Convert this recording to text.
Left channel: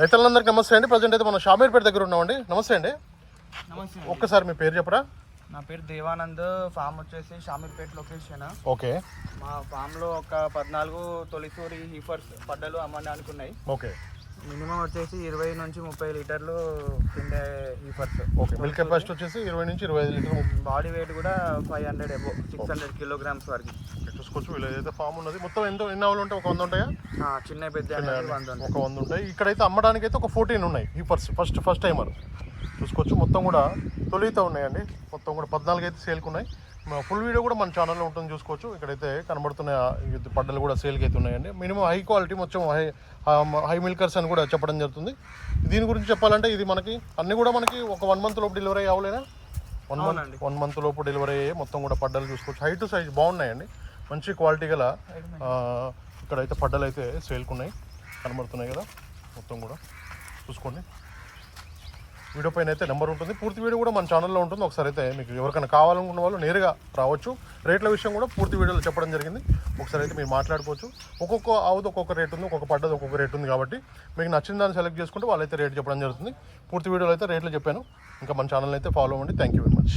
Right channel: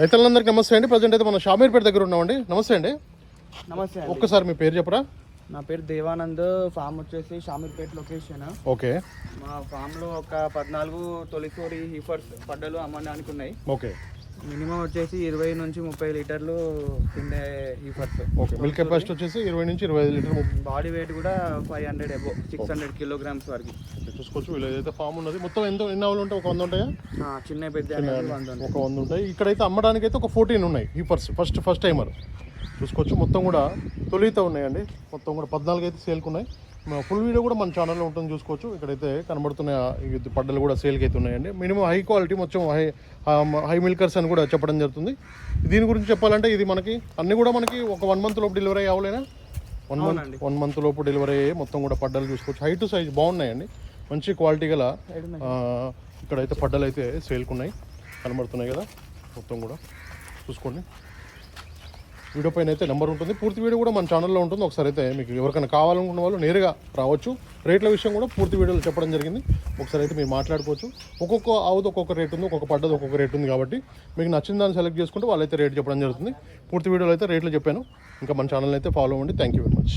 రైతులందరికీ నమస్తే అండి. ప్రజెంట్ అయితే మనం షామీర్పేట దగ్గర ఉన్నామండి. నమస్తే అండి. నమస్తే అండి. ఒక్కసారి మీ పేరు చెప్పరా? నా పేరు దేవానంద్. ఫామ్ వచ్చేసి షామీర్పేట లొకేషన్. ఓకే. మా ఫామ్ లో ఒక 14 తొలిచూరి హీఫర్స్ పడ్డలు అమ్మడానికి ఉన్నాయి. ఓకే. మినిమం వచ్చేసి 20 నుంచి 30 లీటర్లు పిండే హీఫర్స్. ఓకే. మిల్క్ కెపాసిటీ వచ్చేసి 20 నుంచి 25 లీటర్లు. బాడీ వెయిట్ కూడా 500 అబో 600 కిలోగ్రామ్స్ వరకు చూసుకోవచ్చు. వీళ్ళు ఏదైతే ఫామ్ ఉన్నది మొత్తం ఎన్ని ఆవులు ఉంటాయి? ఒక 100 ఉంటాయా? చిన్న పెద్ద ఒక 100 ఉంటాయి. ఇక్కడైతే అమ్మడానికి అయితే ఒక 14 ఉన్నాయి హీఫర్స్. ఫస్ట్ టైమర్ చూసుకోవచ్చు. మొత్తం కూడా తొలిత ఉన్నాయండి. మొత్తం కూడా 14 అయితే సేల్కి ఉన్నాయి. ఫుల్ వీడియో కూడా మన ఛానల్లో ఉంటుంది, చూసుకోవచ్చు. ఇక్కడైతే కనబడుతున్న పడ్డలు కూడా సేల్కి అయితే ఉన్నాయండి. మినిమం హై క్వాలిటీ, మొత్తం హై మిల్కర్స్ అని కూడా చెప్పడం జరుగుతుంది. దీని గురించి చెప్పాలంటే ఇది మనకి అన్ని కూడా మనకి ఒక 1 మంత్ లోపు డెలివరీ అవ్వలేనా? 1 మంత్ లోపు డెలివరీ అయ్యే మొత్తం కూడా పడ్డలు చూసుకోవచ్చు. హైట్ సైజ్ బాగున్నాయండి. మంచి క్వాలిటీ గల ఇక్కడైతే పడ్డలు అయితే సేల్కి ఉన్నాయి, కనబడుతున్నాయి కదా. మొత్తం కూడా చూసుకోండి. వీడియో పైన అయితే నెంబర్ ఉంటుంది. పూర్తి వీడియో కూడా మన ఛానల్లో ఉంటుంది. ఒకసారి అయితే మీకు ఎవరికైనా కావాలనుకున్న వాళ్ళు నేరుగా రావచ్చు. రేట్ల విషయం కూడా పూర్తి వీడియోలో చెప్పడం జరిగింది. ఒకసారి అయితే మీరు మాట్లాడుకోవచ్చు. ఒక్కొక్క ఆవుది ఒక్కొక్క రేట్ ఉంది, ఒక్కొక్క పడ్డది ఒక్కొక్క రేట్ ఉంది. కాబట్టి మీకు నచ్చిన దాన్ని సెలెక్ట్ చేసుకుంటే వాళ్ళైతే రేట్ చెప్పడం జరుగుతుంది. పూర్తి వీడియోలో అయితే రేట్లు చెప్పాను. ఇంకా మన ఛానల్ అయితే ఫాలో అవ్వండి. Thank you very much.